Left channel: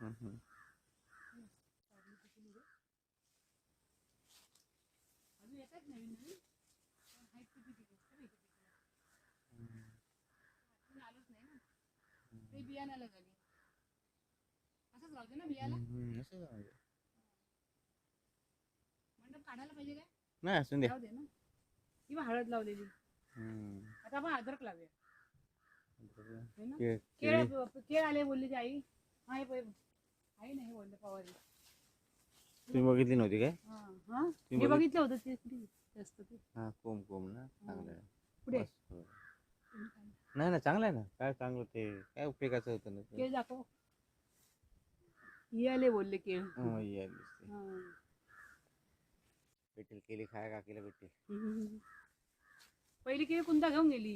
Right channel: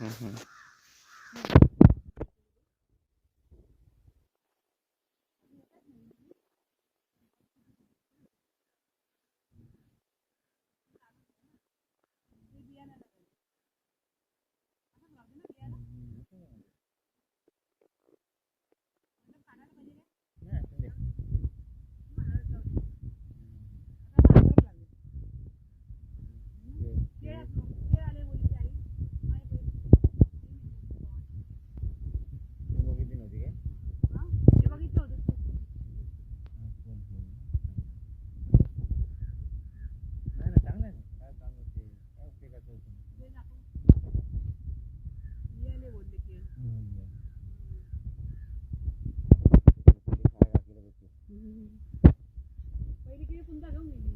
हम्म. नाही असून दे. किंवा हळद लावलेली. हम्म. आता आपण अद्रक लावूया. केळ- केळ केळी. केळ आले बोलली ती आई. आई नाही बोलले पवारी. तुम्ही बघितली नव्हती काय? हा हे बघितलं होतं ते जास्त ते. हा कोम ना चांगलं आहे. पुढे नाही ना चांगलं आहे ना. काय चांगलं ते काय उपयोगाचं होतं ना ते. केळ दाखव. हे आले बोलले केळ. हो, ये दिसते. हा. भेटेल केळी खायला काकीला भेटतील. पहिली केळी कुंदा घेऊन गेली.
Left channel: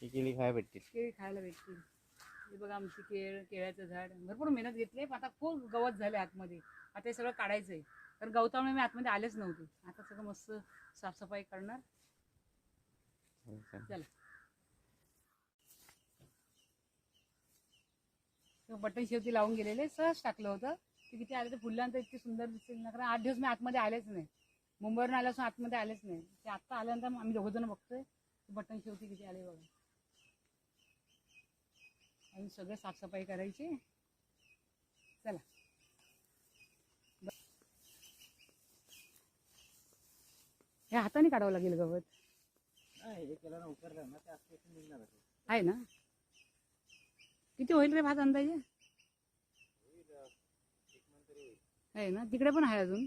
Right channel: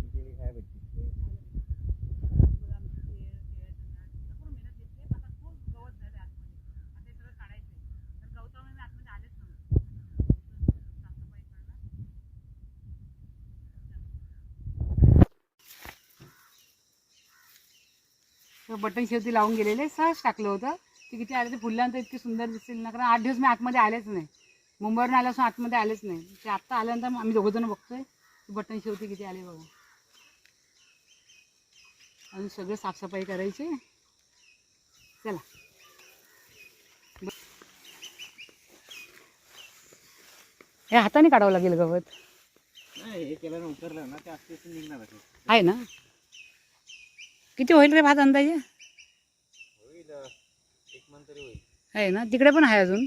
ही केळी खायला भेटतील. केळी खायला भेटतील. हे बघा आमची केळ्याचं झाड भरपूर मेहनत घेतली. आता खूप गवत झाले आतमध्ये. आता हे सगळं काढायचं आहे. तर गवतामुळे मी आतमध्ये आलेच नव्हते. आता सगळं मस्त साफसफाई करणार. चला बटन शेवटी लावून गेलेले सहज टाकलं होतं. ते किती आले ते फुलल्यानंतर इतकी सुंदर दिसतील ना. कारण 8 दिवस मी आतमध्ये आलेच नाही. मुंबईवरून आल्यापासून आतमध्ये आलेच नाही. ते आत्ता आल्यानंतर आम्ही दोघंजण बघतोय बटन शेवटी किती आले बघा. आणि सगळं साफसफाई करायची. चला हे हाताने काढावं लागेल गवत. नाही हे केल्यानं उतरलं ना ते असते निघणार आहे. आहे ना. किती होईल रे भात अंदाजे? होईल 1 मन तरी होईल. आहे ना. तिकडे पण आहे अजून.